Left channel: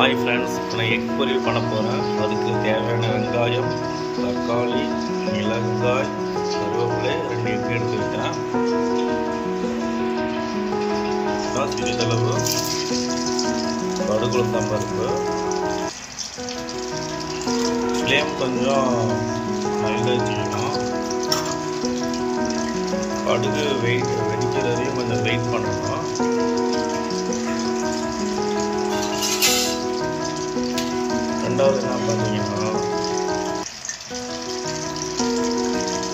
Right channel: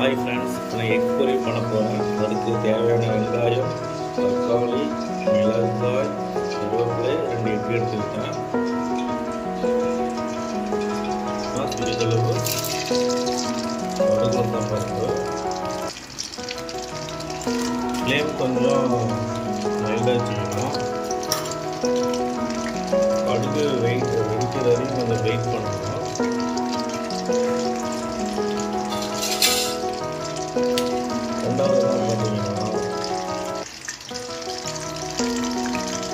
Hi friends, நான் egg பொரியல் பண்ண போகிறேன். அதுக்கு தேவையான வெங்காயம், தக்காளி, மிளகாய், கருவேப்பிலை, 2 எக் எடுத்துக்கிட்டேன். சிறிதளவு கடுகு உளுத்தம் பருப்பு. ஃப்ளேம் கொஞ்சம் மைல்டாக வச்சுக்கணும். கடுகு வெடிக்கிற வரையும் கொஞ்சம் வெயிட் பண்ணணும். ரெண்டாவது என்ன பார்த்தீங்கன்னா,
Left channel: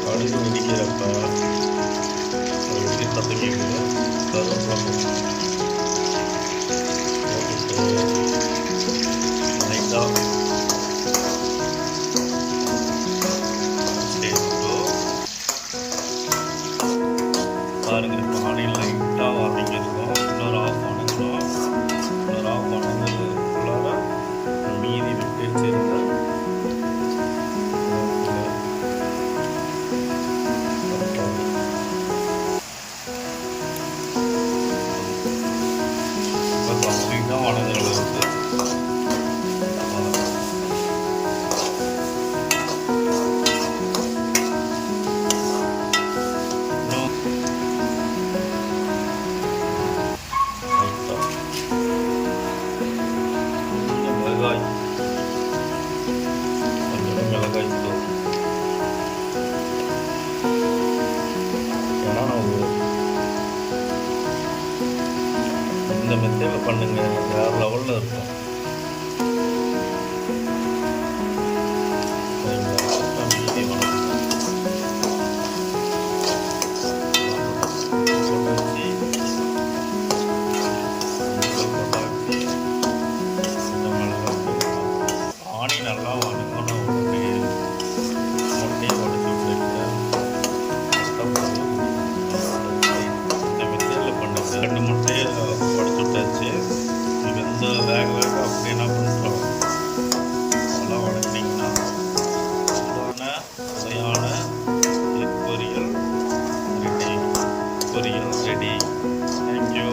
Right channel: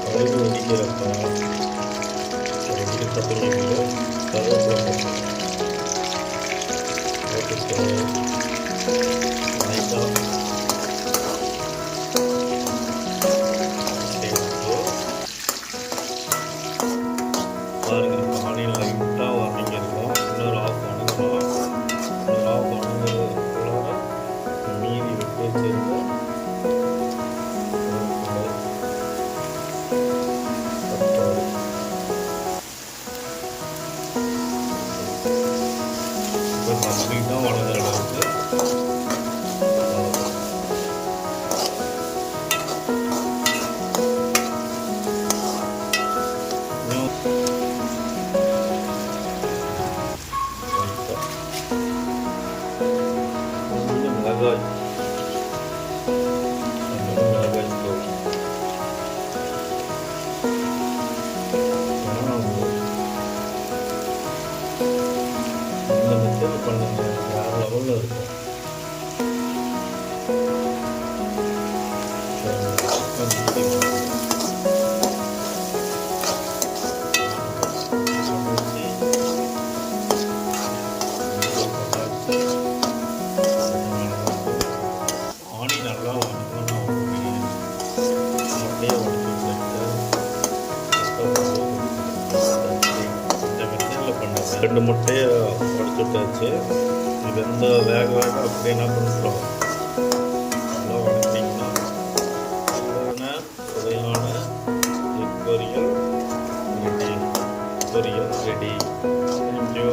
கடுகு வெடிக்கிற சத்தம் கேட்குது. கருவேப்பிலை போட்டுட்டு லைட்டாக சேர்த்து பாருங்கள். காலையில் லைட்டாக வதங்கிருக்கோம். இன்னொரு ஆஃப் வணங்கணும். ஒரு ஆஃப் வணங்குறதுக்குள்ளார மீதி விட்டு வச்சிருந்த தக்காளி இப்போ கம்ப்ளீட்டாக வணங்குற அளவுக்கு வளர்க்கணும். மிளகாய், கொஞ்சம் மிளகாய் தூள். ஏன்னா இந்த மெத்தேடில் பண்ணுங்க, வேற லெவலில் இருக்கும். சரிங்களா? மீதி ஆணி நல்லா வணங்கணும். உடனே முட்டையை உடச்சி விட்டுட்டு இந்த மெத்தேடில் பண்ணுங்க. 2 முட்டையை உடச்சி விட்டாச்சு. இது எந்த வேக அப்படி என்ன பண்ணுறோம், நல்லா வணங்கினீங்கன்னா சுவையான எக் பொரியல் ரெடி. தேங்க்யூ.